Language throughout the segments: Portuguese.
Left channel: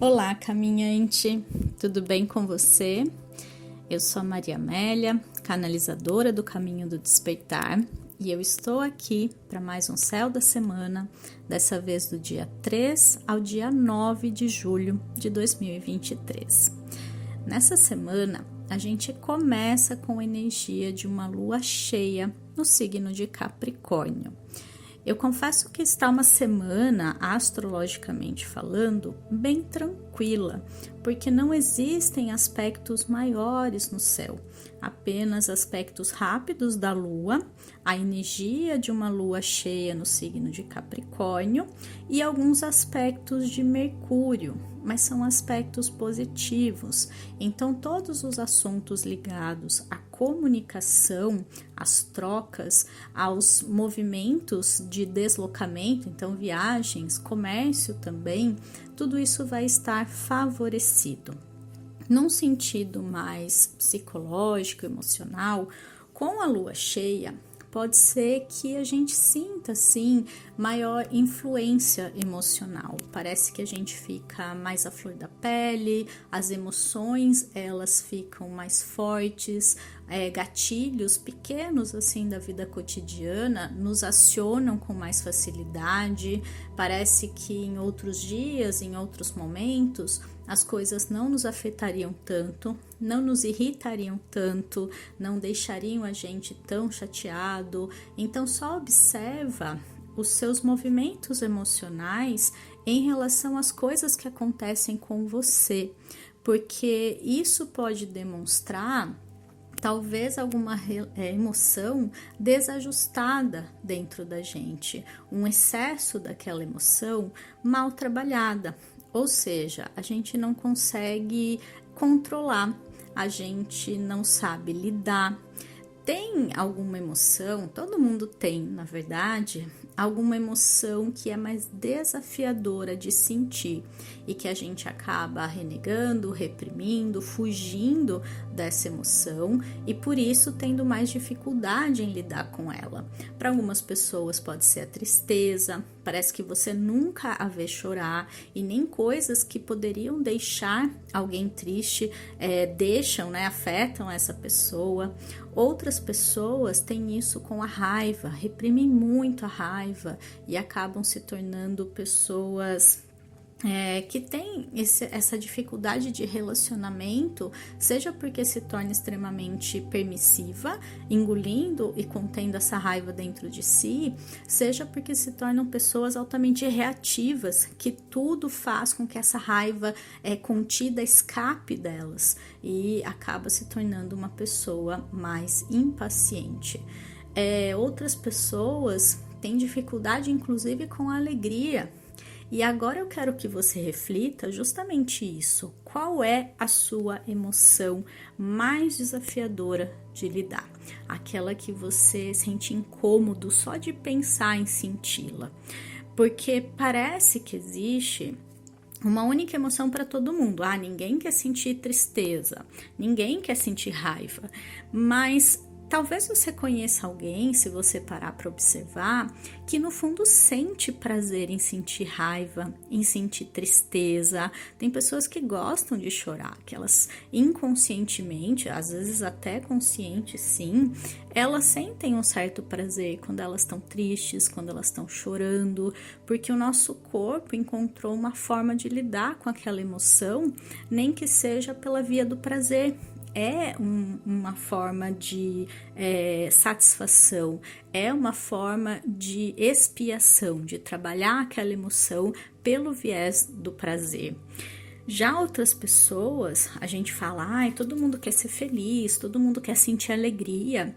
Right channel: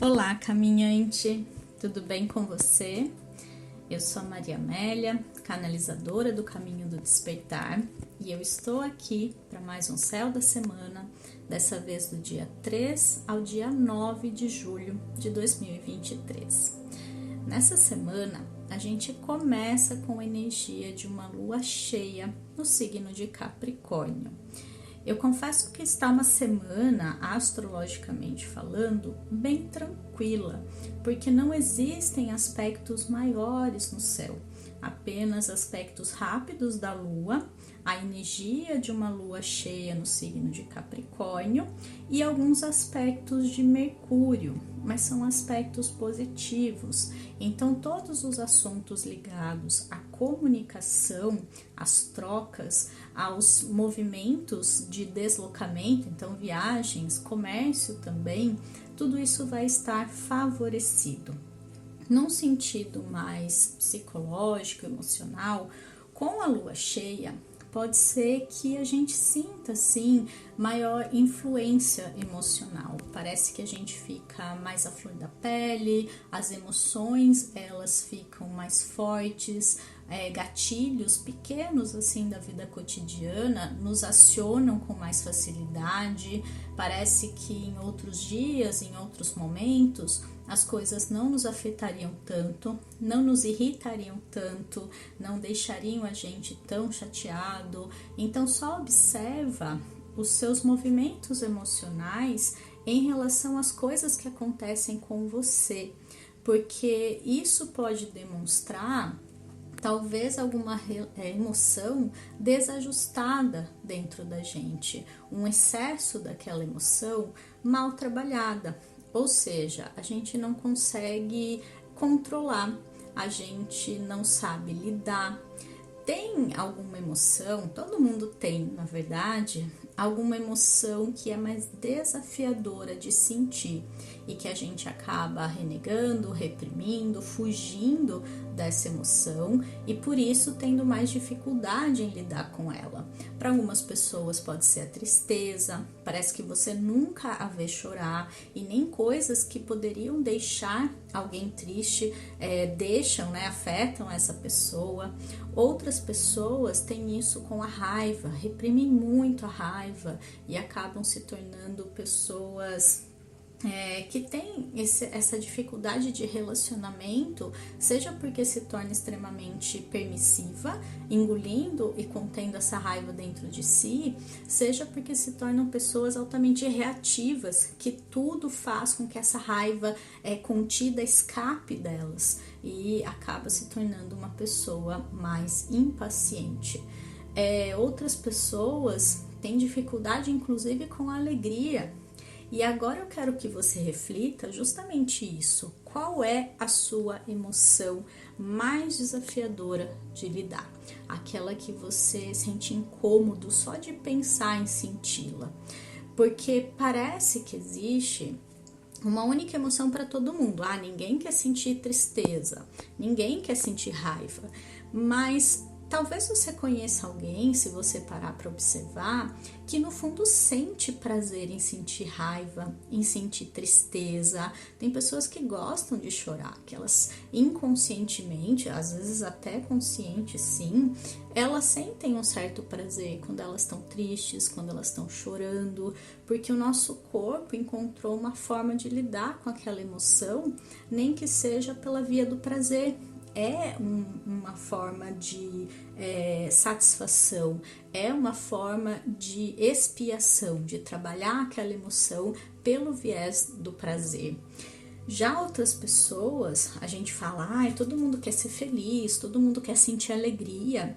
Olá, caminhante, tudo bem com você? Eu sou a Maria Amélia, canalizadora do Caminho do Despertar, e eu estou aqui para mais um Céu da Semana, dessa vez do dia 3 ao dia 9 de julho de 2023. Nessa semana, a gente começa com a energia de uma lua cheia no signo de Capricórnio. Eu confesso que está uma semana, astrologicamente falando, bem tranquila, porque não existem aspectos maiores no céu, apenas aspectos rápidos da lua, a energia de uma lua cheia no signo de Capricórnio e alguns aspectos de Mercúrio, mas são aspectos positivos. Então, todos os assuntos ligados à comunicação, às trocas, aos movimentos de deslocamento, então viagens, comércio também, tudo isso vai estar favorecido. Num sentido mais psicológico, emocional, com a lua cheia, pode ser que a gente sinta, assim, maior influência emocional. Parece que a gente fica mais à flor da pele, as emoções, elas ficam mais fortes, gatilhos pequenos, assim, da vida cotidiana nos acionam com mais facilidade. Parece que em outros dias, em outros momentos, as coisas não nos afetariam tanto, não nos irritariam tanto, não deixariam a gente tão chateado. Então, só observa os seus movimentos emocionais em relação às coisas que acontecem com você, porque isso pode demonstrar talvez alguma emoção desajustada dentro da gente, um excesso daquela emoção mal trabalhada. Ou seja, a gente não consegue controlar, a gente não sabe lidar. Tem alguma emoção, todo mundo tem, na verdade, alguma emoção que é mais desafiadora de sentir e que a gente acaba renegando, reprimindo, fugindo dessa emoção e por isso tendo mais dificuldade em lidar com ela. Para algumas pessoas pode ser a tristeza, parece que você nunca a vê chorar e nem coisas que poderiam deixar alguém triste deixam, afetam essa pessoa. Outras pessoas têm isso com a raiva, reprimem muito a raiva e acabam se tornando pessoas que têm essa dificuldade de relacionamento, seja porque se torna extremamente permissiva, engolindo e contendo essa raiva dentro de si, seja porque se tornam pessoas altamente reativas, que tudo faz com que essa raiva contida escape delas e acaba se tornando uma pessoa mais impaciente. Outras pessoas têm dificuldade, inclusive, com a alegria. E agora eu quero que você reflita justamente isso. Qual é a sua emoção mais desafiadora de lidar? Aquela que você sente incômodo só de pensar em senti-la. Porque parece que existe uma única emoção para todo mundo. Ninguém quer sentir tristeza, ninguém quer sentir raiva, mas talvez você conheça alguém, se você parar para observar, que no fundo sente prazer em sentir raiva, em sentir tristeza. Tem pessoas que gostam de chorar, que elas inconscientemente, às vezes até consciente sim, elas sentem um certo prazer quando elas estão tristes, quando elas estão chorando, porque o nosso corpo encontrou uma forma de lidar com aquela emoção, nem que seja pela via do prazer. Uma forma de satisfação, é uma forma de expiação, de trabalhar aquela emoção pelo viés do prazer. Já outras pessoas, a gente fala, todo mundo quer ser feliz, todo mundo quer sentir alegria,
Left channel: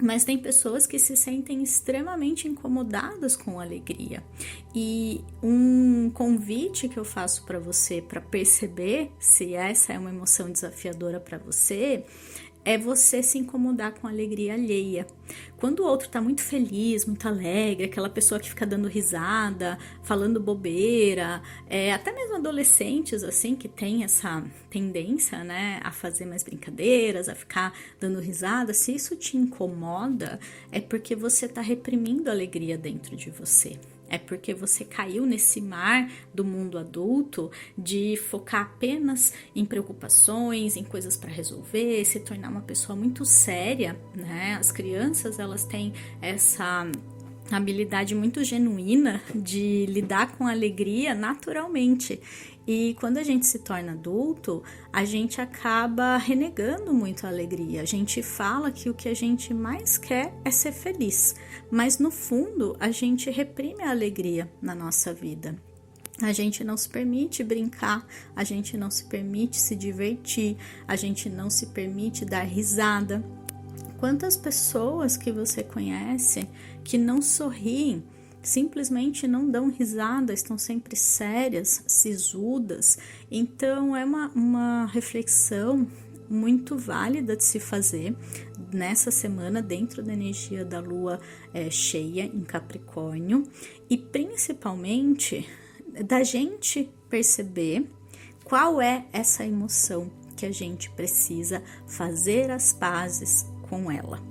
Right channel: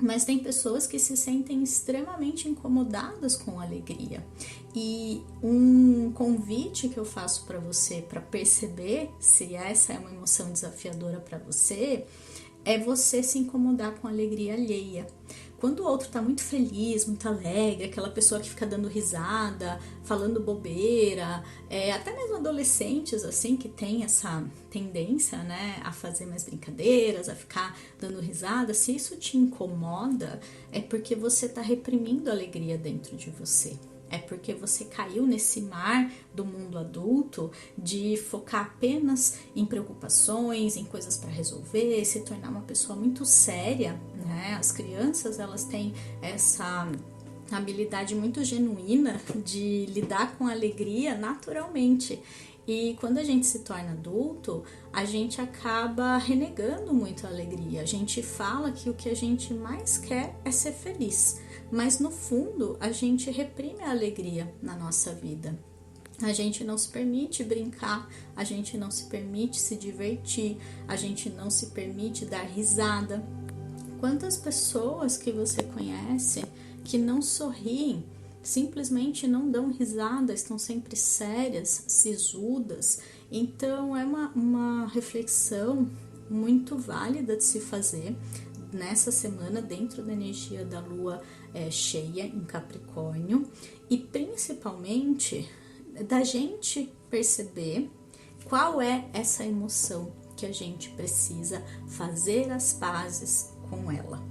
mas tem pessoas que se sentem extremamente incomodadas com a alegria. E um convite que eu faço para você para perceber se essa é uma emoção desafiadora para você é você se incomodar com a alegria alheia. Quando o outro está muito feliz, muito alegre, aquela pessoa que fica dando risada, falando bobeira, até mesmo adolescentes assim que tem essa tendência, a fazer mais brincadeiras, a ficar dando risada, se isso te incomoda, é porque você está reprimindo a alegria dentro de você. É porque você caiu nesse mar do mundo adulto de focar apenas em preocupações, em coisas para resolver, se tornar uma pessoa muito séria, né? As crianças, elas têm essa habilidade muito genuína de lidar com alegria naturalmente. E quando a gente se torna adulto, a gente acaba renegando muito a alegria. A gente fala que o que a gente mais quer é ser feliz, mas no fundo a gente reprime a alegria na nossa vida. A gente não se permite brincar, a gente não se permite se divertir, a gente não se permite dar risada. Quantas pessoas que você conhece que não sorriem, simplesmente não dão risada, estão sempre sérias, sisudas? Então é uma reflexão muito válida de se fazer nessa semana dentro da energia da lua cheia em Capricórnio, e principalmente da gente perceber qual é essa emoção que a gente precisa fazer as pazes com ela,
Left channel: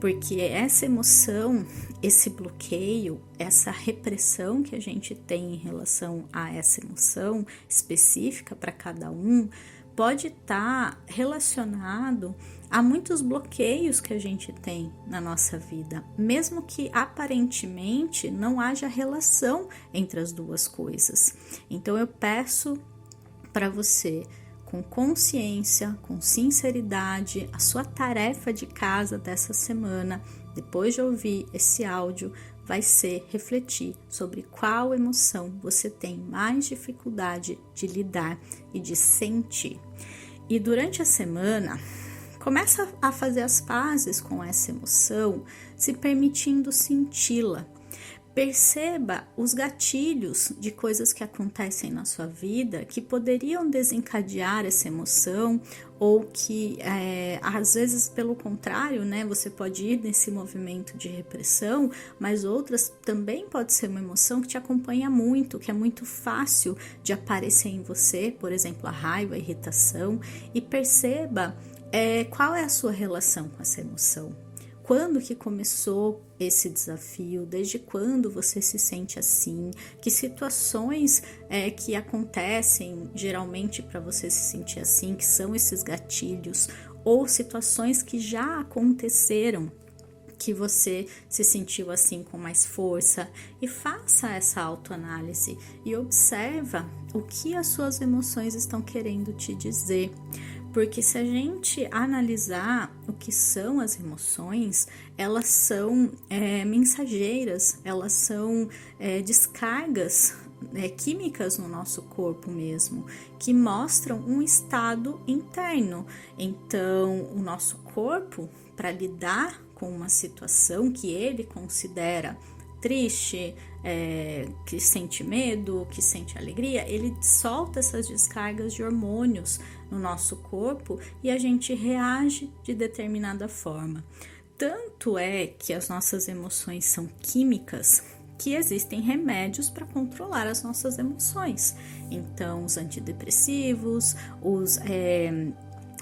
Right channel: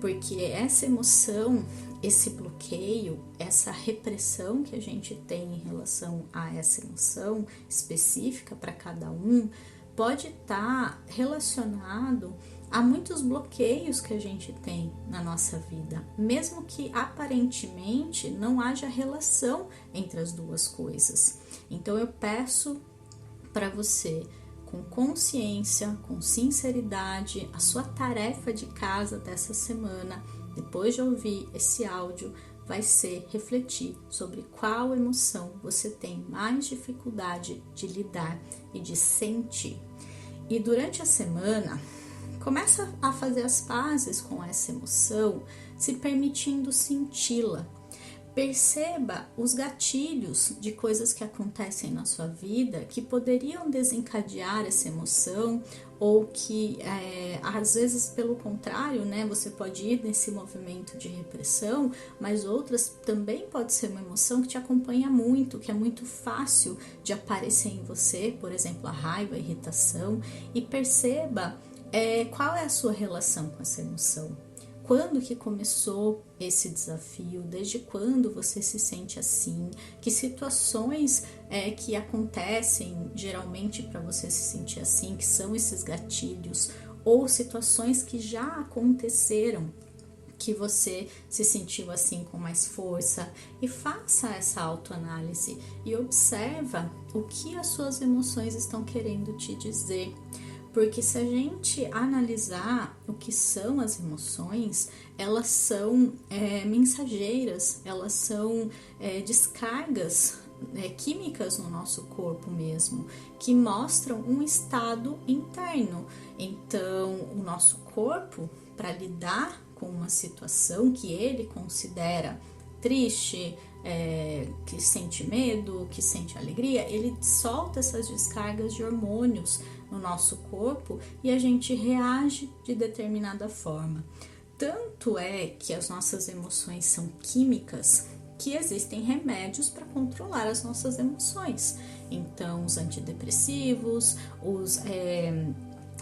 porque essa emoção, esse bloqueio, essa repressão que a gente tem em relação a essa emoção específica para cada um, pode estar relacionado a muitos bloqueios que a gente tem na nossa vida, mesmo que aparentemente não haja relação entre as duas coisas. Então eu peço para você, com consciência, com sinceridade, a sua tarefa de casa dessa semana, depois de ouvir esse áudio, vai ser refletir sobre qual emoção você tem mais dificuldade de lidar e de sentir. E durante a semana, começa a fazer as pazes com essa emoção, se permitindo senti-la. Perceba os gatilhos de coisas que acontecem na sua vida que poderiam desencadear essa emoção, ou que às vezes pelo contrário, né, você pode ir nesse movimento de repressão, mas outras também pode ser uma emoção que te acompanha muito, que é muito fácil de aparecer em você, por exemplo, a raiva, a irritação, e perceba qual é a sua relação com essa emoção. Quando que começou esse desafio? Desde quando você se sente assim? Que situações que acontecem geralmente para você se sentir assim, que são esses gatilhos? Ou situações que já aconteceram que você se sentiu assim com mais força? E faça essa autoanálise e observa o que as suas emoções estão querendo te dizer. Porque se a gente analisar o que são as emoções, elas são mensageiras, elas são descargas químicas no nosso corpo mesmo, que mostram um estado interno. Então, o nosso corpo, para lidar com uma situação que ele considera triste, que sente medo, que sente alegria, ele solta essas descargas de hormônios no nosso corpo e a gente reage de determinada forma. Tanto é que as nossas emoções são químicas que existem remédios para controlar as nossas emoções. Então, os antidepressivos, os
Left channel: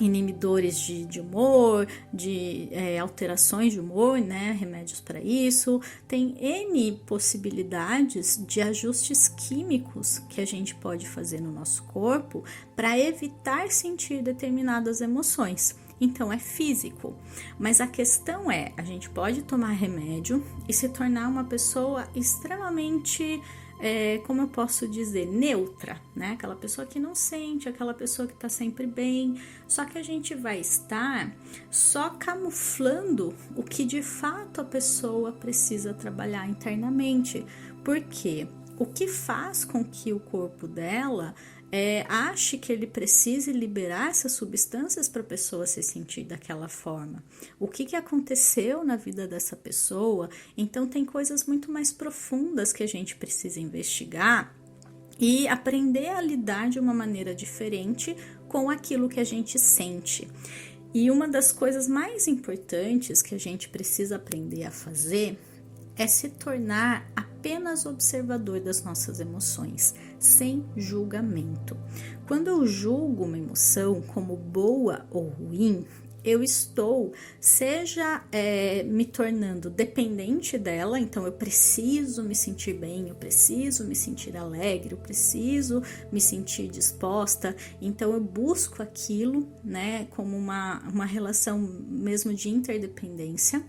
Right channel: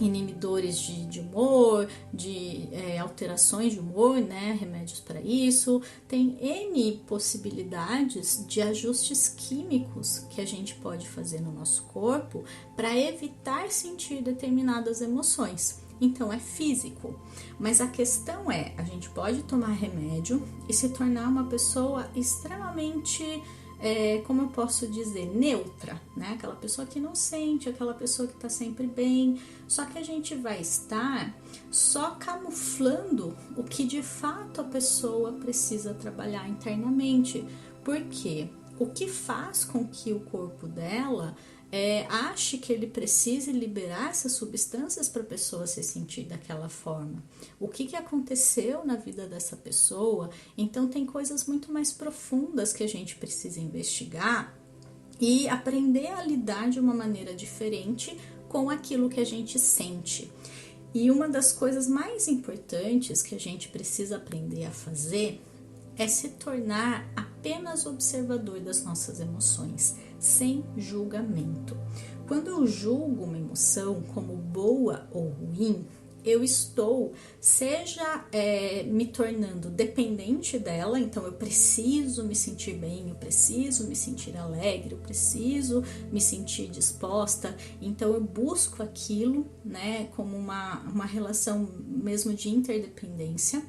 inibidores de humor, de alterações de humor, né? Remédios para isso. Tem N possibilidades de ajustes químicos que a gente pode fazer no nosso corpo para evitar sentir determinadas emoções. Então é físico, mas a questão é, a gente pode tomar remédio e se tornar uma pessoa extremamente como eu posso dizer, neutra, né? Aquela pessoa que não sente, aquela pessoa que tá sempre bem, só que a gente vai estar só camuflando o que de fato a pessoa precisa trabalhar internamente, porque o que faz com que o corpo dela ache que ele precise liberar essas substâncias para a pessoa se sentir daquela forma. O que aconteceu na vida dessa pessoa? Então tem coisas muito mais profundas que a gente precisa investigar e aprender a lidar de uma maneira diferente com aquilo que a gente sente. E uma das coisas mais importantes que a gente precisa aprender a fazer é se tornar apenas observador das nossas emoções, sem julgamento. Quando eu julgo uma emoção como boa ou ruim, eu estou, seja me tornando dependente dela, então eu preciso me sentir bem, eu preciso me sentir alegre, eu preciso me sentir disposta, então eu busco aquilo, né, como uma relação mesmo de interdependência.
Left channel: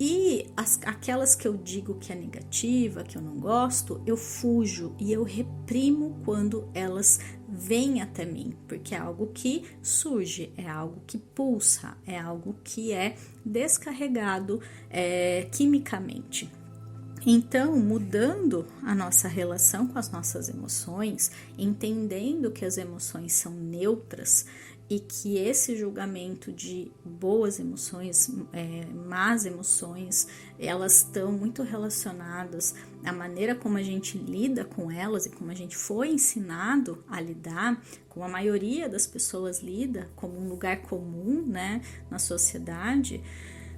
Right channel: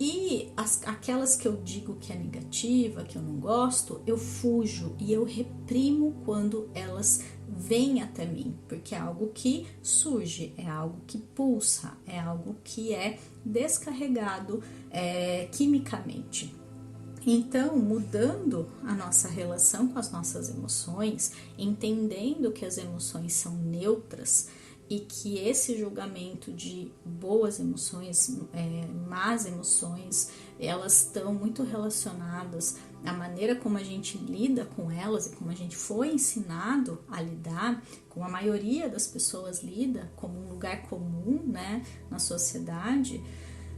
E aquelas que eu digo que é negativa, que eu não gosto, eu fujo e eu reprimo quando elas vêm até mim, porque é algo que surge, é algo que pulsa, é algo que é descarregado quimicamente. Então, mudando a nossa relação com as nossas emoções, entendendo que as emoções são neutras, e que esse julgamento de boas emoções, más emoções, elas estão muito relacionadas à maneira como a gente lida com elas e como a gente foi ensinado a lidar, como a maioria das pessoas lida, como um lugar comum, né, na sociedade.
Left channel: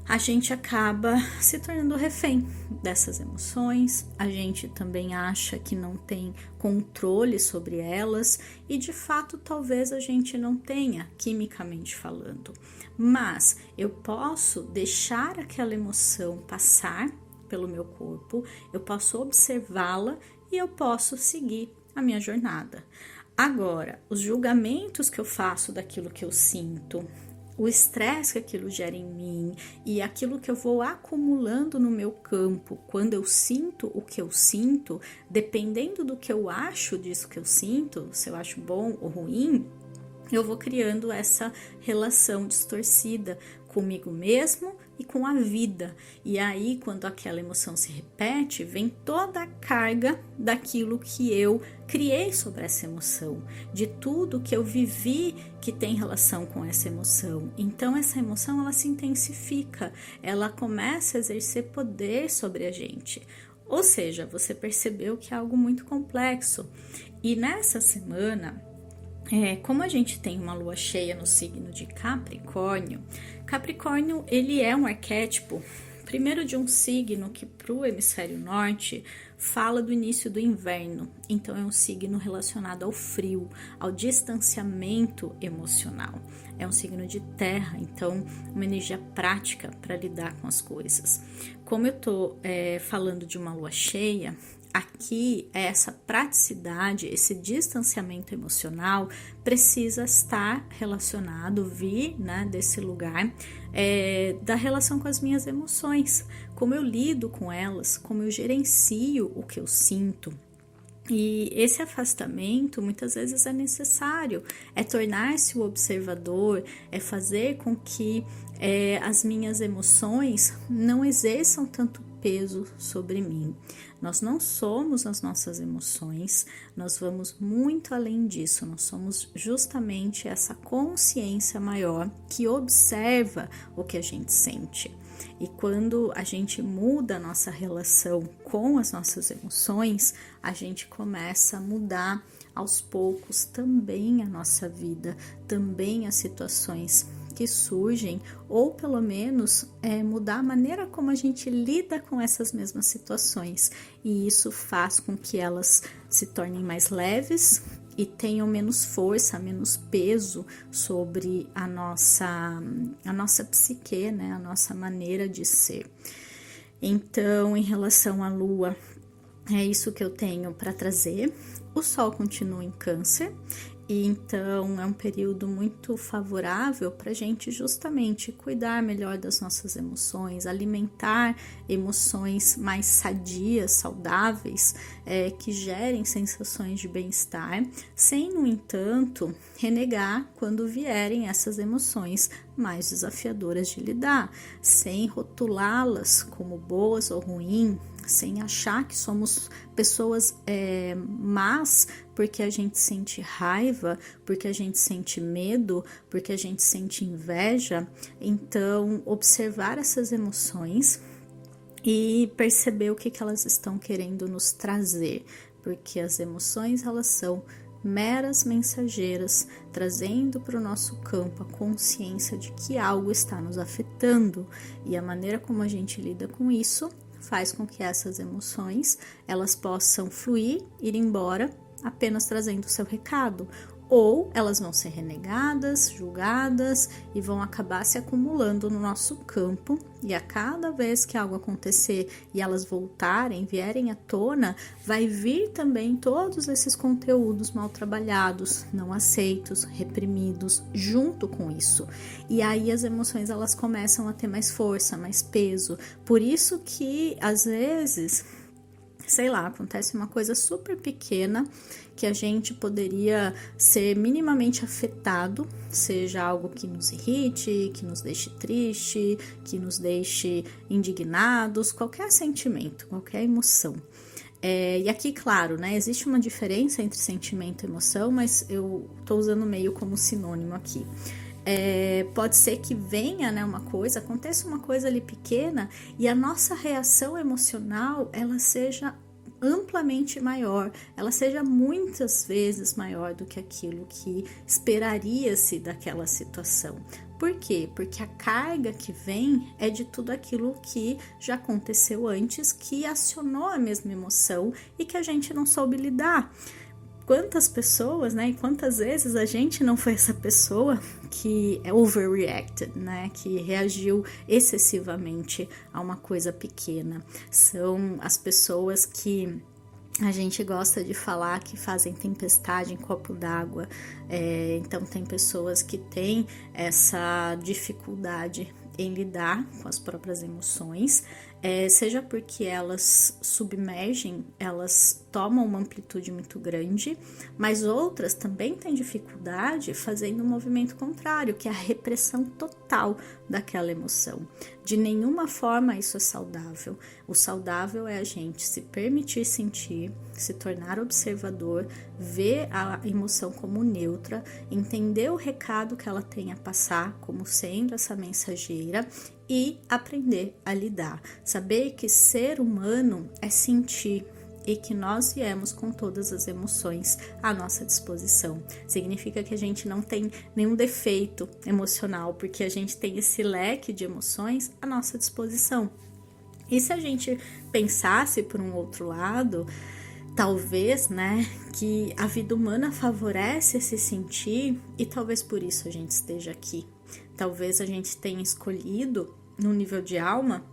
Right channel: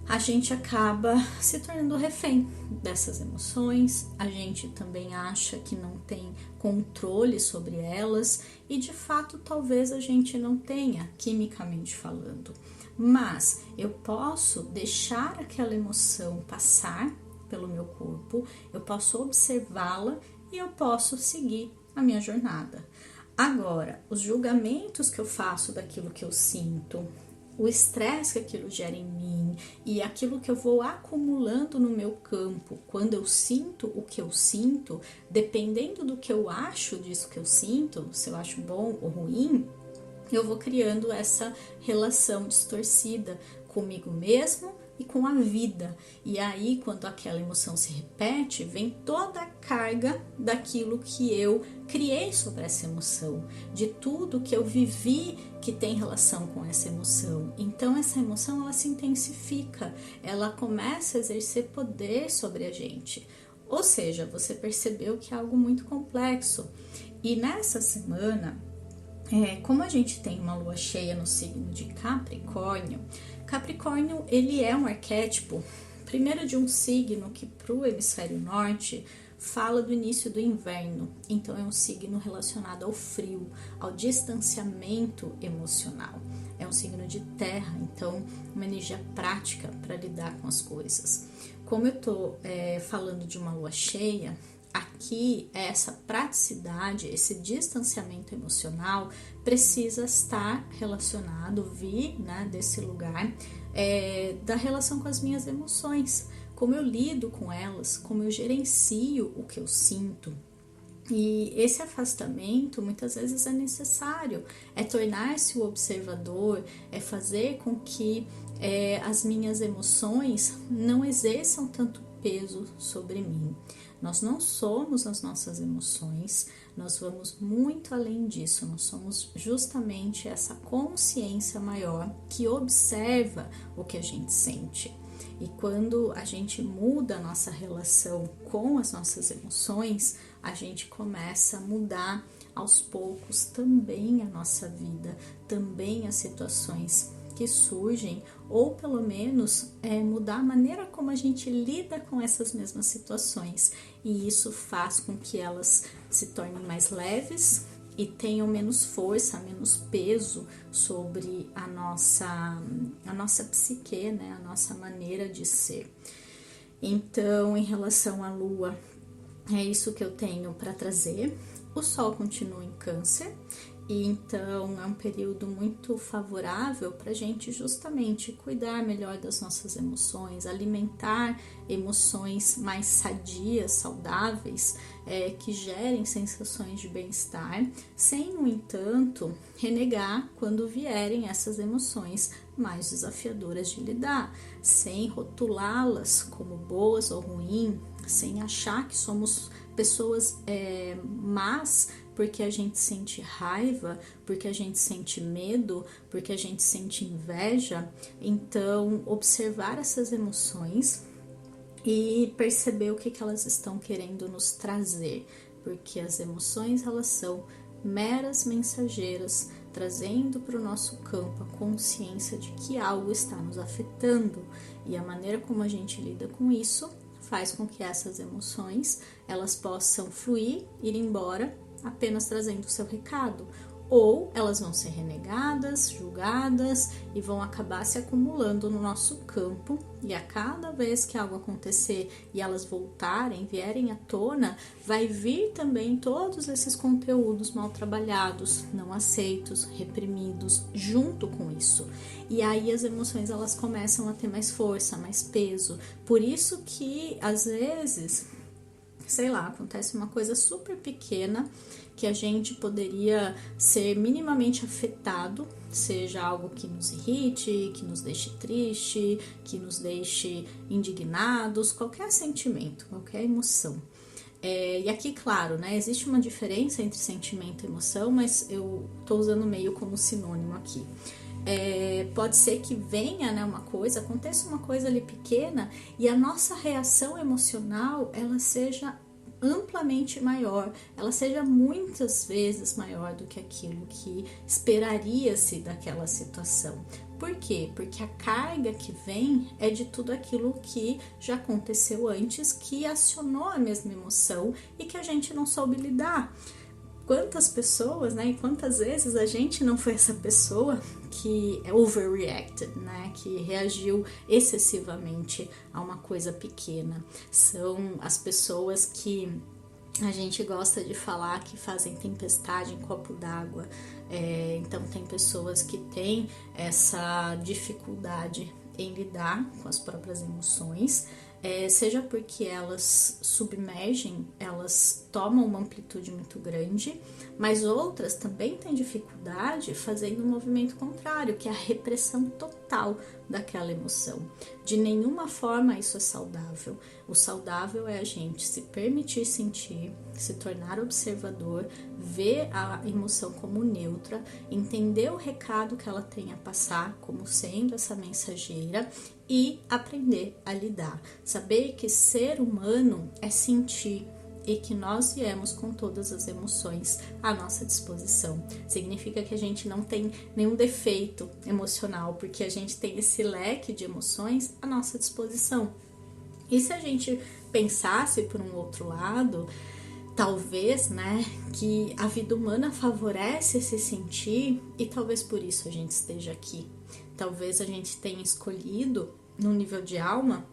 A gente acaba se tornando refém dessas emoções, a gente também acha que não tem controle sobre elas e de fato talvez a gente não tenha, quimicamente falando, mas eu posso deixar aquela emoção passar pelo meu corpo, eu posso observá-la e eu posso seguir a minha jornada. Agora, os julgamentos que eu faço daquilo que eu sinto, o estresse que aquilo gera em mim e aquilo que eu vou acumulando no meu campo, quando eu sinto o que eu sinto, dependendo do que eu acho disso que eu sinto, se eu acho bom ou ruim, eu vou criando essa relação distorcida comigo mesmo e com a vida. E aí, quando aquela emoção se repete, vem toda a carga daquilo que eu criei sobre essa emoção, de tudo que eu vivi que tem relação com essa emoção. Então, essa emoção, ela se intensifica, ela começa a exercer poder sobre a gente. Ou seja, você percebeu que é algo muito complexo. E nessa semana, como a gente tem uma lua cheia no signo de Capricórnio, Capricórnio ele é um arquétipo, primeiro de um signo que para o hemisfério norte fala do início do inverno, então é um signo relacionado ao frio, ao distanciamento emocional. É um signo de terra, então uma energia prática para lidar com as coisas. Como eu estou falando de uma lua cheia, aqui essa praticidade, esse distanciamento emocional precisa estar relacionado, vir, né, desse lugar da relação com as minhas emoções, como eu lido com elas, como eu gerencio o que eu sinto. E esse afastamento muitas vezes é necessário, é tornar-se o observador, é fazer com que as minhas emoções não exerçam tanto peso sobre mim. Nós não somos as nossas emoções, nós vamos muito além disso, nós somos justamente essa consciência maior que observa o que a gente sente. E quando a gente muda a nossa relação com as nossas emoções, a gente começa a mudar aos poucos também a nossa vida, também as situações que surgem, ou pelo menos mudar a maneira como a gente lida com essas mesmas situações. E isso faz com que elas se tornem mais leves e tenham menos força, menos peso sobre a nossa psique, né? A nossa maneira de ser. Então, em relação à Lua, é isso que eu tenho para trazer. O Sol continua em Câncer, e então é um período muito favorável para a gente justamente cuidar melhor das nossas emoções, alimentar emoções mais sadias, saudáveis, que gerem sensações de bem-estar, sem, no entanto, renegar quando vierem essas emoções mais desafiadoras de lidar, sem rotulá-las como boas ou ruins, sem achar que somos pessoas más porque a gente sente raiva, porque a gente sente medo, porque a gente sente inveja. Então, observar essas emoções e perceber o que elas estão querendo nos trazer, porque as emoções, elas são meras mensageiras, trazendo para o nosso campo a consciência de que algo está nos afetando, e a maneira como a gente lida com isso faz com que essas emoções elas possam fluir, ir embora, apenas trazendo o seu recado, ou elas vão ser renegadas, julgadas e vão acabar se acumulando no nosso campo, e a cada vez que algo acontecer e elas voltarem, vierem à tona, vai vir também todos esses conteúdos mal trabalhados, não aceitos, reprimidos, junto com isso. E aí as emoções elas começam a ter mais força, mais peso. Por isso que às vezes, sei lá, acontece uma coisa super pequena que a gente poderia ser minimamente afetado, seja algo que nos irrite, que nos deixe triste, que nos deixe indignados, qualquer sentimento, qualquer emoção. E aqui, claro, né, existe uma diferença entre sentimento e emoção, mas eu tô usando meio como sinônimo aqui. Pode ser que venha, né, uma coisa, aconteça uma coisa ali pequena e a nossa reação emocional, ela seja amplamente maior, ela seja muitas vezes maior do que aquilo que esperaria-se daquela situação. Por quê? Porque a carga que vem é de tudo aquilo que já aconteceu antes, que acionou a mesma emoção e que a gente não soube lidar. Quantas pessoas, né, e quantas vezes a gente não foi essa pessoa que overreacted, né, que reagiu excessivamente a uma coisa pequena. São as pessoas que a gente gosta de falar que fazem tempestade em copo d'água. Então tem pessoas que têm essa dificuldade em lidar com as próprias emoções, seja porque elas submergem, elas tomam uma amplitude muito grande, mas outras também têm dificuldade fazendo um movimento contrário, que é a repressão total daquela emoção. De nenhuma forma isso é saudável. O saudável é a gente se permitir sentir, se tornar observador, ver a emoção como neutra, entender o recado que ela tem a passar como sendo essa mensageira e aprender a lidar. Saber que ser humano é sentir e que nós viemos com todas as emoções à nossa disposição. Significa que a gente não tem nenhum defeito emocional, porque a gente tem esse leque de emoções à nossa disposição. E se a gente pensasse por um outro lado, talvez, né, que a vida humana favorece esse sentir e talvez por isso a gente esteja aqui. Talvez a gente tenha escolhido, no nível de alma,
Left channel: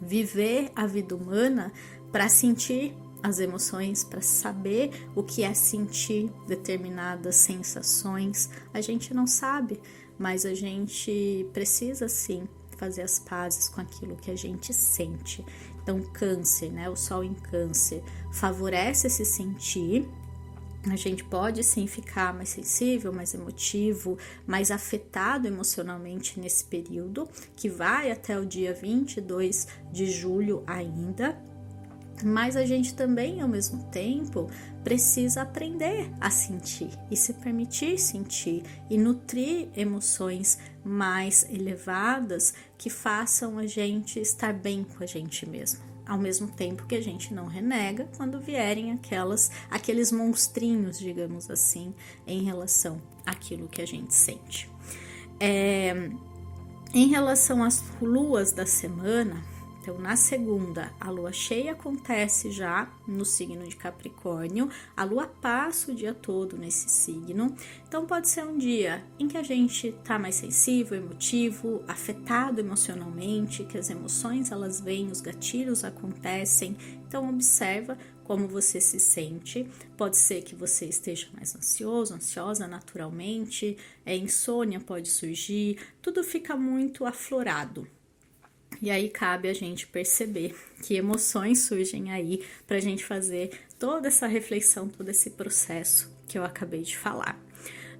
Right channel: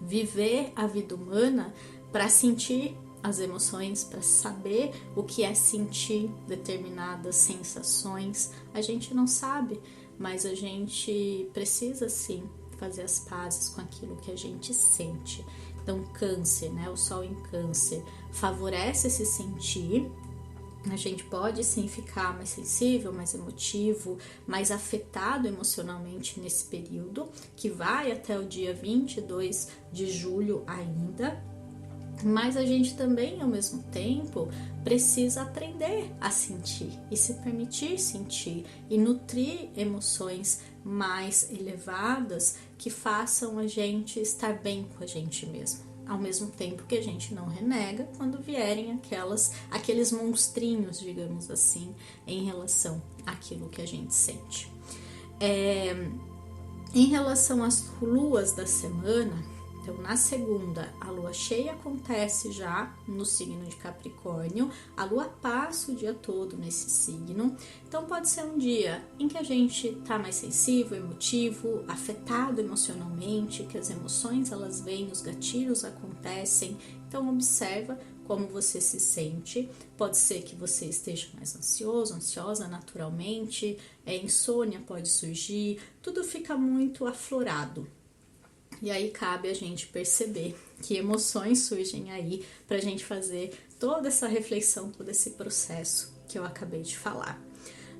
viver a vida humana para sentir as emoções, para saber o que é sentir determinadas sensações. A gente não sabe, mas a gente precisa sim fazer as pazes com aquilo que a gente sente. Então, Câncer, né? O Sol em Câncer favorece esse sentir. A gente pode sim ficar mais sensível, mais emotivo, mais afetado emocionalmente nesse período, que vai até o dia 22 de julho ainda. Mas a gente também, ao mesmo tempo, precisa aprender a sentir e se permitir sentir e nutrir emoções mais elevadas que façam a gente estar bem com a gente mesmo. Ao mesmo tempo que a gente não renega quando vierem aqueles monstrinhos, digamos assim, em relação àquilo que a gente sente. Em relação às luas da semana, então, na segunda, a lua cheia acontece já no signo de Capricórnio, a lua passa o dia todo nesse signo, então pode ser um dia em que a gente tá mais sensível, emotivo, afetado emocionalmente, que as emoções elas vêm, os gatilhos acontecem, então observa como você se sente. Pode ser que você esteja mais ansioso, ansiosa naturalmente, insônia pode surgir, tudo fica muito aflorado. E aí cabe a gente perceber que emoções surgem aí para a gente fazer toda essa reflexão, todo esse processo que eu acabei de falar.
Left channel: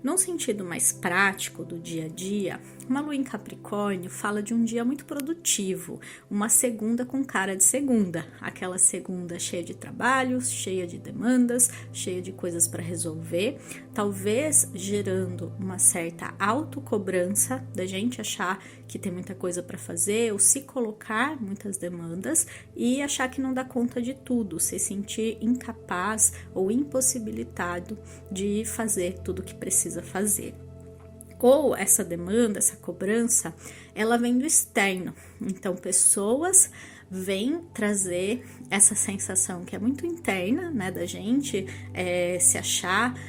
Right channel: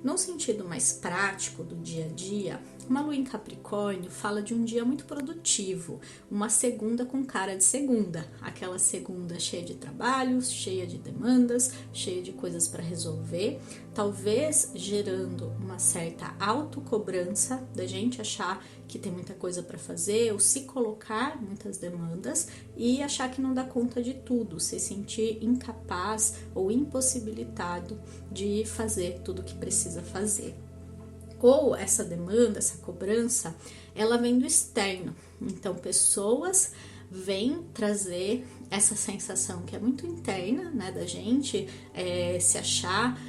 Num sentido mais prático do dia a dia, uma lua em Capricórnio fala de um dia muito produtivo, uma segunda com cara de segunda, aquela segunda cheia de trabalhos, cheia de demandas, cheia de coisas para resolver, talvez gerando uma certa autocobrança da gente achar que tem muita coisa para fazer ou se colocar muitas demandas e achar que não dá conta de tudo, se sentir incapaz ou impossibilitado de fazer tudo o que precisa fazer. Ou essa demanda, essa cobrança, ela vem do externo. Então, pessoas vem trazer essa sensação que é muito interna, né, da gente, se achar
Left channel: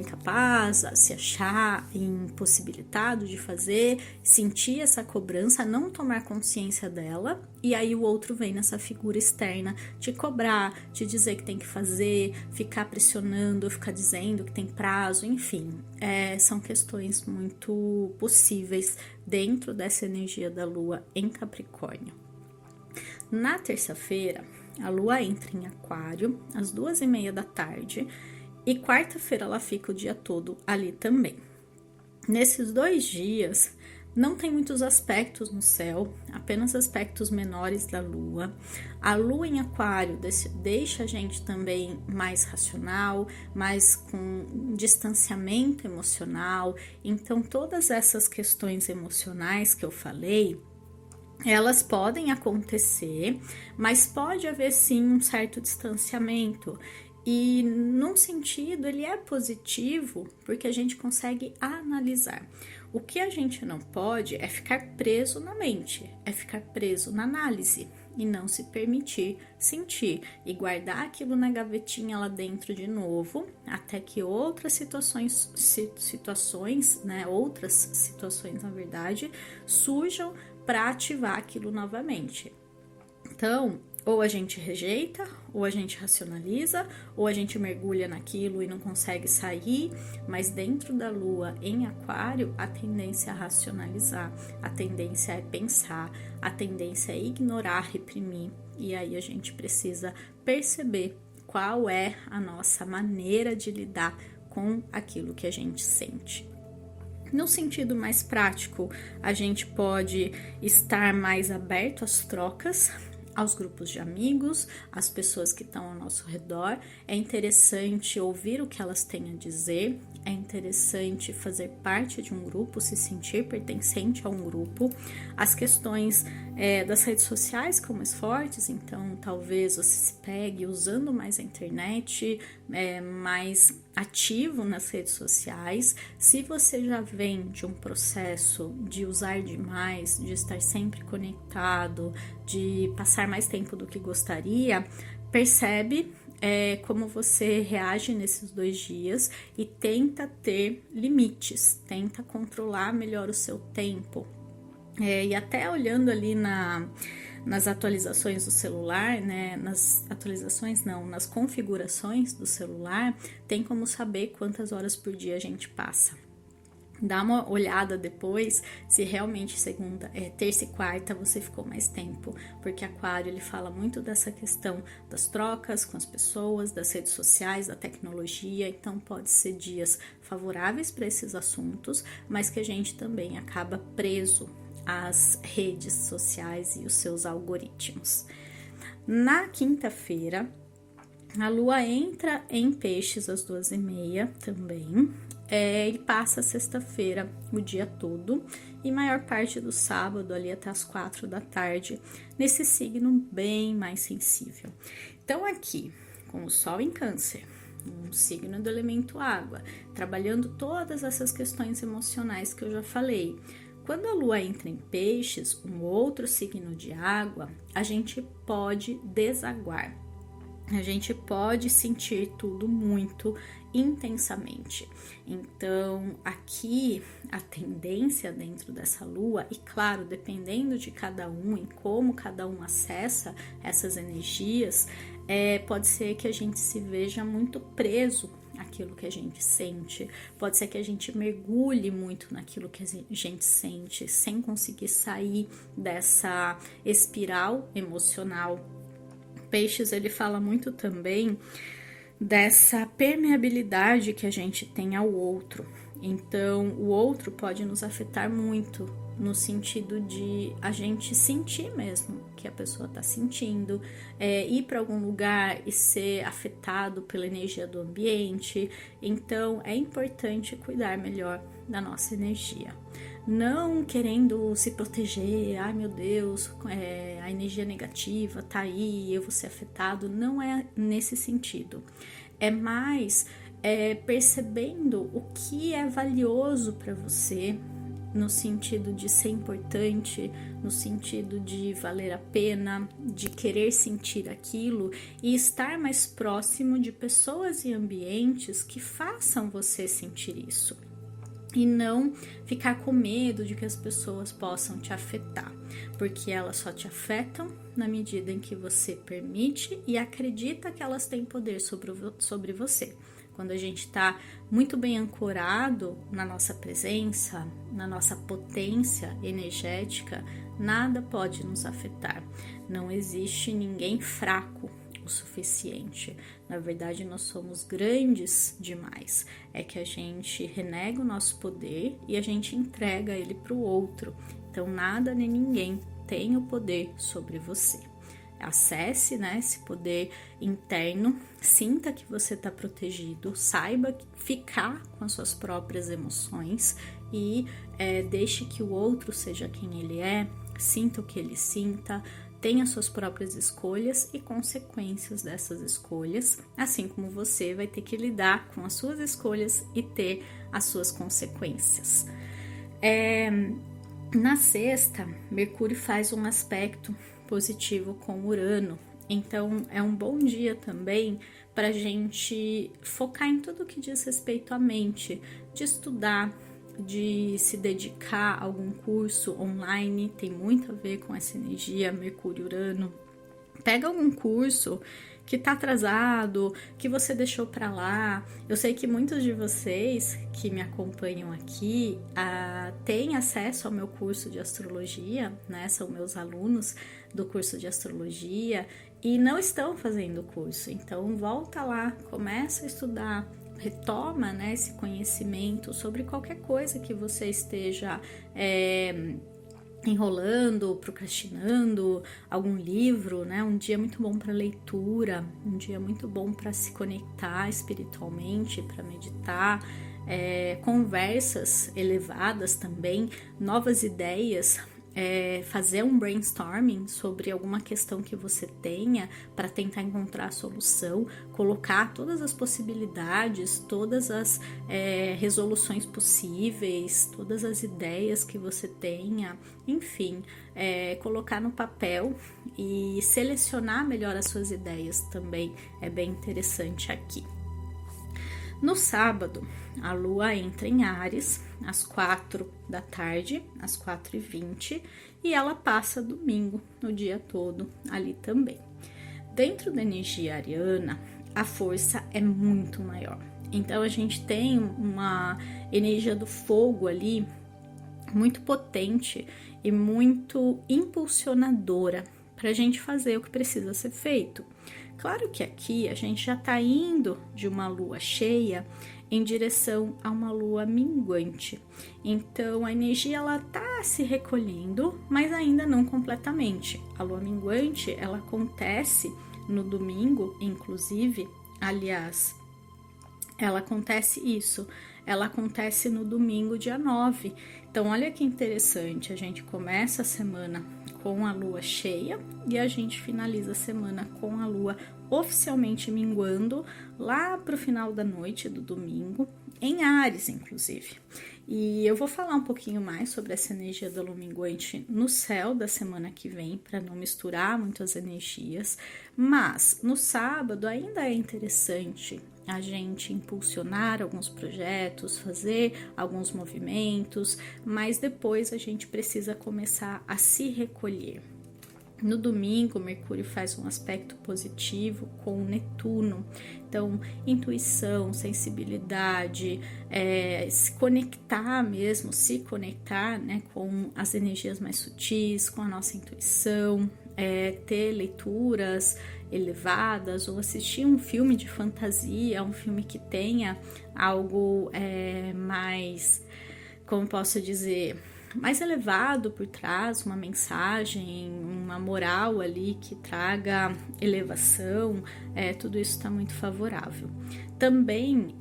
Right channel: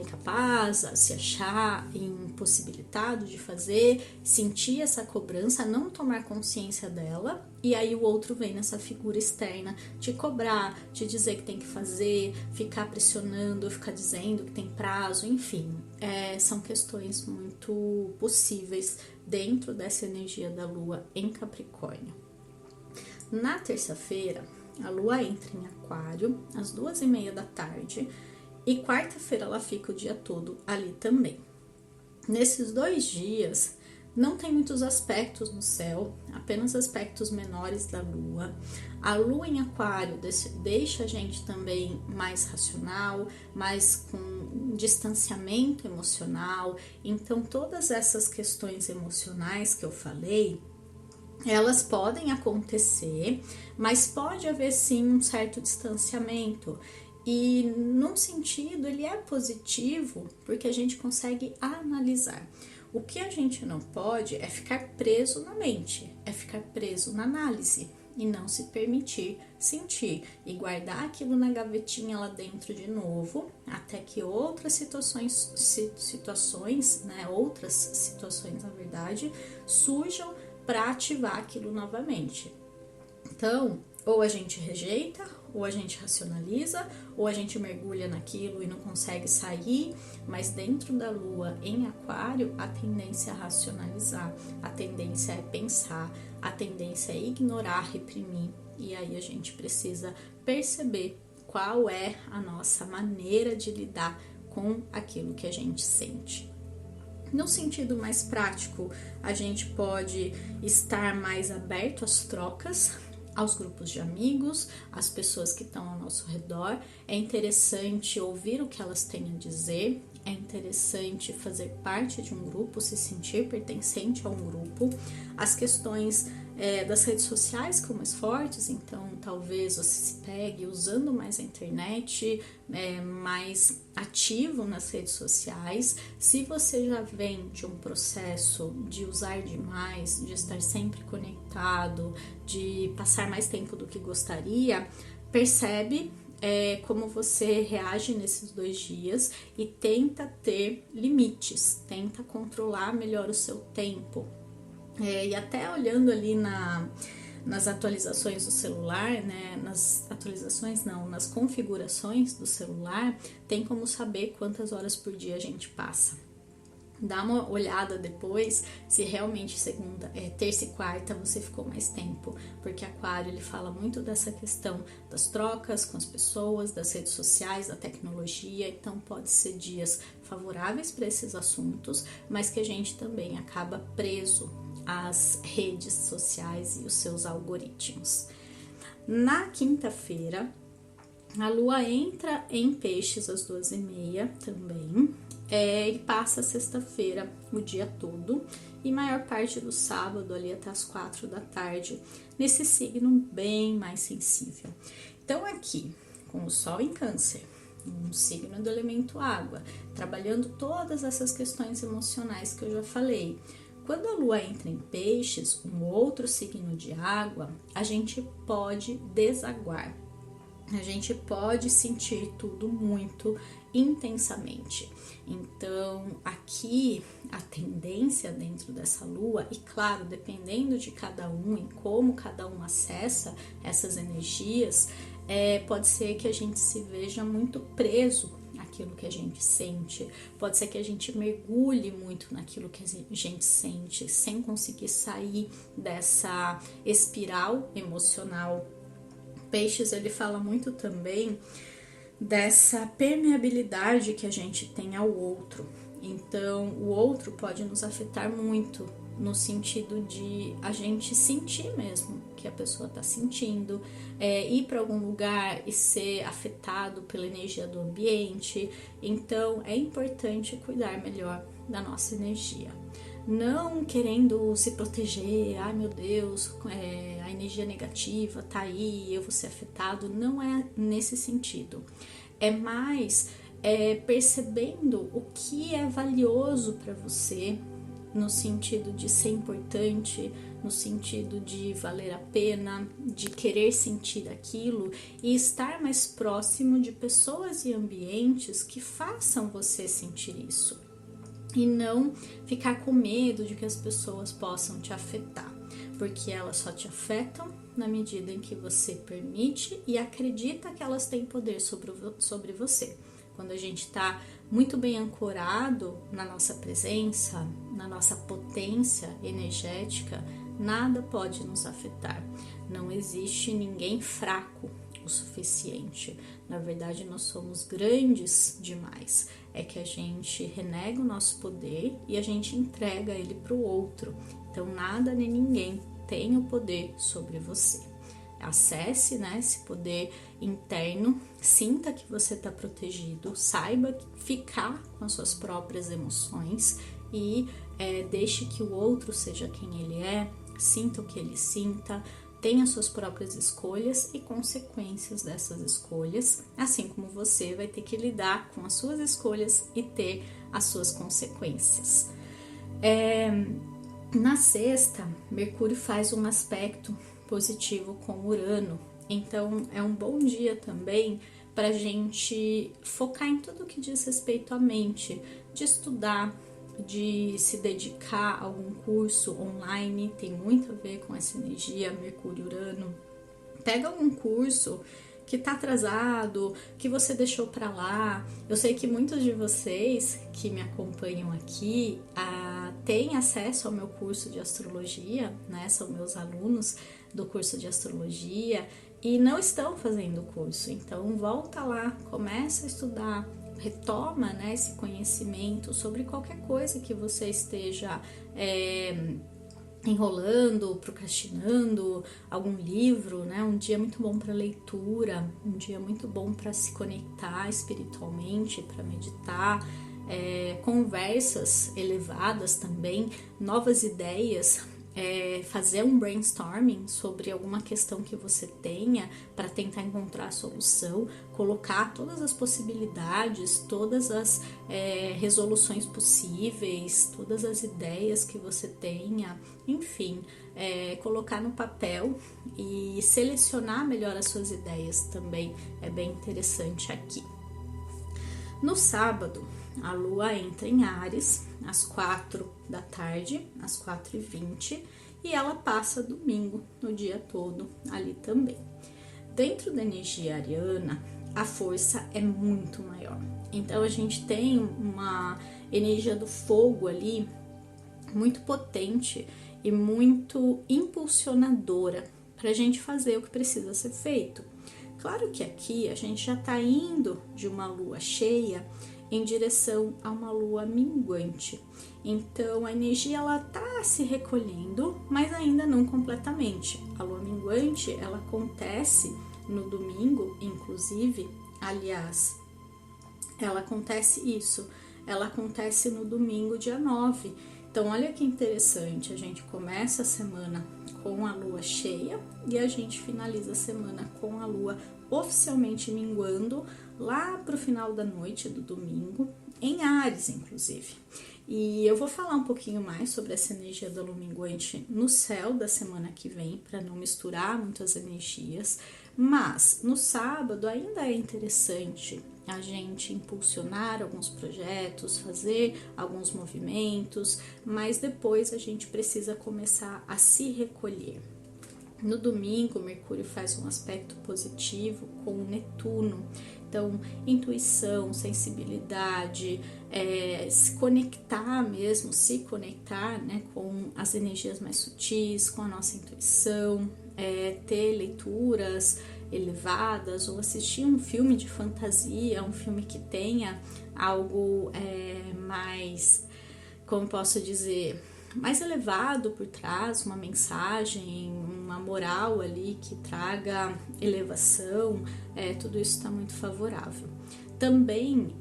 incapaz, se achar impossibilitado de fazer, sentir essa cobrança, não tomar consciência dela, e aí o outro vem nessa figura externa te cobrar, te dizer que tem que fazer, ficar pressionando, ficar dizendo que tem prazo, enfim, são questões muito possíveis dentro dessa energia da Lua em Capricórnio. Na terça-feira, a Lua entra em Aquário às 2h30 da tarde e quarta-feira ela fica o dia todo ali também. Nesses 2 dias, não tem muitos aspectos no céu, apenas aspectos menores da Lua. A Lua em Aquário deixa a gente também mais racional, mais com distanciamento emocional. Então, todas essas questões emocionais que eu falei, elas podem acontecer, mas pode haver sim um certo distanciamento. E num sentido ele é positivo porque a gente consegue analisar. O que a gente não pode é ficar preso na mente, é ficar preso na análise e não se permitir sentir e guardar aquilo na gavetinha lá dentro de novo, até que outras situações, né, outras situações na verdade, surjam para ativar aquilo novamente. Então, ou a gente rejeita, ou a gente racionaliza, ou a gente mergulha naquilo e não consegue sair, mas dentro da Lua em Aquário, a tendência é racionalizar, a tendência é pensar, a tendência é ignorar, reprimir, e aí a gente precisa perceber qual é a nossa maneira de lidar com aquilo que a gente sente. No sentido mais prático, a gente pode estar mais aberto às trocas, aos grupos de amigos, às pessoas que estão ao nosso redor. É interessante ouvir o que elas têm a dizer, é interessante fazer parte de um grupo, se sentir pertencente a um grupo. As questões das redes sociais ficam mais fortes, então talvez você se pegue usando mais a internet, mais ativo nas redes sociais. Se você já vem de um processo de usar demais, de estar sempre conectado, de passar mais tempo do que gostaria, percebe como você reage nesses 2 dias e tenta ter limites, tenta controlar melhor o seu tempo. E até olhando ali nas atualizações do celular, né, nas configurações do celular, tem como saber quantas horas por dia a gente passa. Dá uma olhada depois se realmente terça e quarta você ficou mais tempo, porque Aquário ele fala muito dessa questão das trocas com as pessoas, das redes sociais, da tecnologia, então pode ser dias favoráveis para esses assuntos, mas que a gente também acaba preso às redes sociais e os seus algoritmos. Na quinta-feira, a Lua entra em Peixes às 2h30 também, e passa a sexta-feira o dia todo e maior parte do sábado ali até as 4 da tarde, nesse signo bem mais sensível. Então aqui, com o Sol em Câncer, um signo do elemento água, trabalhando todas essas questões emocionais que eu já falei. Quando a Lua entra em Peixes, um outro signo de água, a gente pode desaguar. A gente pode sentir tudo muito intensamente. Então, aqui a tendência dentro dessa lua, e claro, dependendo de cada um e como cada um acessa essas energias, pode ser que a gente se veja muito preso àquilo que a gente sente, pode ser que a gente mergulhe muito naquilo que a gente sente, sem conseguir sair dessa espiral emocional. Peixes, ele fala muito também dessa permeabilidade que a gente tem ao outro. Então, o outro pode nos afetar muito, no sentido de a gente sentir mesmo que a pessoa está sentindo, ir para algum lugar e ser afetado pela energia do ambiente. Então, é importante cuidar melhor da nossa energia. Não querendo se proteger, ai meu Deus, a energia negativa tá aí, eu vou ser afetado, não é nesse sentido. É mais percebendo o que é valioso para você no sentido de ser importante, no sentido de valer a pena, de querer sentir aquilo e estar mais próximo de pessoas e ambientes que façam você sentir isso. E não ficar com medo de que as pessoas possam te afetar, porque elas só te afetam na medida em que você permite e acredita que elas têm poder sobre você. Quando a gente está muito bem ancorado na nossa presença, na nossa potência energética, nada pode nos afetar. Não existe ninguém fraco o suficiente. Na verdade, nós somos grandes demais. É que a gente renega o nosso poder e a gente entrega ele para o outro. Então, nada nem ninguém tem o poder sobre você. Acesse, né, esse poder interno, sinta que você está protegido, saiba ficar com as suas próprias emoções e deixe que o outro seja quem ele é, sinta o que ele sinta, tenha suas próprias escolhas e consequências dessas escolhas, assim como você vai ter que lidar com as suas escolhas e ter as suas consequências. Na sexta, Mercúrio faz um aspecto positivo com Urano, então é um bom dia também para a gente focar em tudo que diz respeito à mente, de estudar, de se dedicar a algum curso online, tem muito a ver com essa energia Mercúrio-Urano. Pega algum curso que tá atrasado, que você deixou para lá. Eu sei que muitos de vocês que me acompanham aqui têm acesso ao meu curso de astrologia, né? São meus alunos do curso de astrologia e não estão fazendo o curso. Então volta lá, começa a estudar, retoma, né, esse conhecimento sobre qualquer coisa que você esteja enrolando, procrastinando, algum livro, né? Um dia muito bom para leitura, um dia muito bom para se conectar espiritualmente, para meditar, conversas elevadas também, novas ideias, fazer um brainstorming sobre alguma questão que você tenha para tentar encontrar a solução, colocar todas as possibilidades, todas as resoluções possíveis, todas as ideias que você tenha, enfim, colocar no papel e selecionar melhor as suas ideias também é bem interessante aqui. No sábado, a Lua entra em Áries, às 4 da tarde, às 4h20, e ela passa domingo, no dia todo, ali também. Dentro da energia ariana, a força é muito maior. Então, a gente tem uma energia do fogo ali, muito potente e muito impulsionadora para a gente fazer o que precisa ser feito. Claro que aqui a gente já está indo de uma lua cheia em direção a uma lua minguante. Então a energia ela tá se recolhendo, mas ainda não completamente. A lua minguante ela acontece no domingo, inclusive, aliás, ela acontece no domingo, dia 9. Então olha que interessante, a gente começa a semana com a lua cheia e a gente finaliza a semana com a lua oficialmente minguando lá para o final da noite do domingo, em Áries, inclusive. E eu vou falar um pouquinho mais sobre essa energia da lua minguante no céu da semana que vem, para não misturar muito as energias, mas no sábado ainda é interessante a gente impulsionar alguns projetos, fazer alguns movimentos, mas depois a gente precisa começar a se recolher. No domingo, Mercúrio faz um aspecto positivo com o Netuno. Então, intuição, sensibilidade, se conectar, né, com as energias mais sutis, com a nossa intuição, ter leituras elevadas ou assistir um filme de fantasia, um filme que tenha algo mais, como posso dizer, mais elevado por trás, uma mensagem, uma moral ali que traga elevação, tudo isso está muito favorável. Também,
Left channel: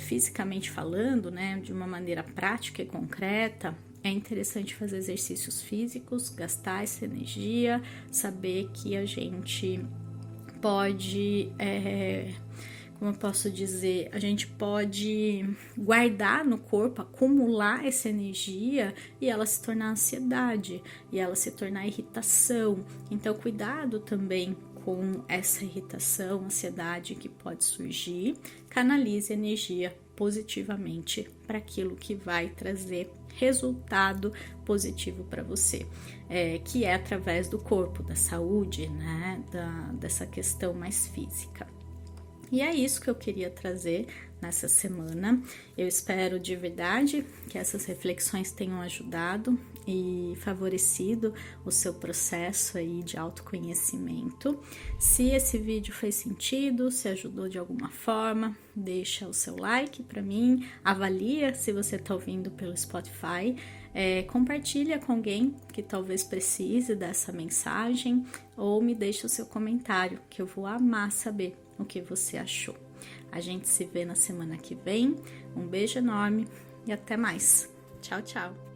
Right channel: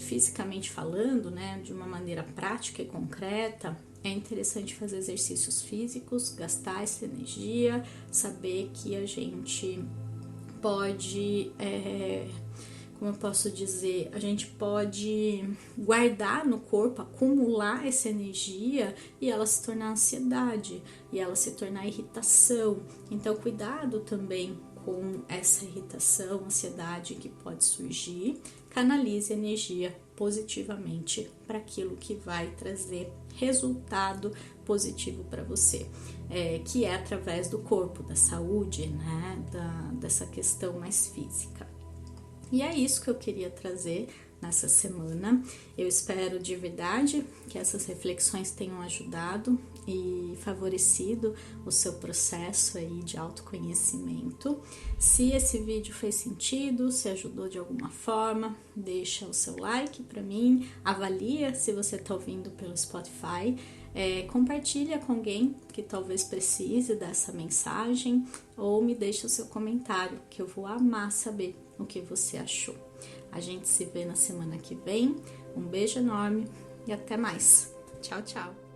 fisicamente falando, né, de uma maneira prática e concreta, é interessante fazer exercícios físicos, gastar essa energia, saber que a gente pode como eu posso dizer, a gente pode guardar no corpo, acumular essa energia e ela se tornar ansiedade, e ela se tornar irritação. Então, cuidado também com essa irritação, ansiedade que pode surgir. Canalize energia positivamente para aquilo que vai trazer resultado positivo para você, que é através do corpo, da saúde, né, dessa questão mais física. E é isso que eu queria trazer nessa semana. Eu espero de verdade que essas reflexões tenham ajudado e favorecido o seu processo aí de autoconhecimento. Se esse vídeo fez sentido, se ajudou de alguma forma, deixa o seu like para mim, avalia se você está ouvindo pelo Spotify, compartilha com alguém que talvez precise dessa mensagem ou me deixa o seu comentário, que eu vou amar saber o que você achou. A gente se vê na semana que vem. Um beijo enorme e até mais. Tchau, tchau!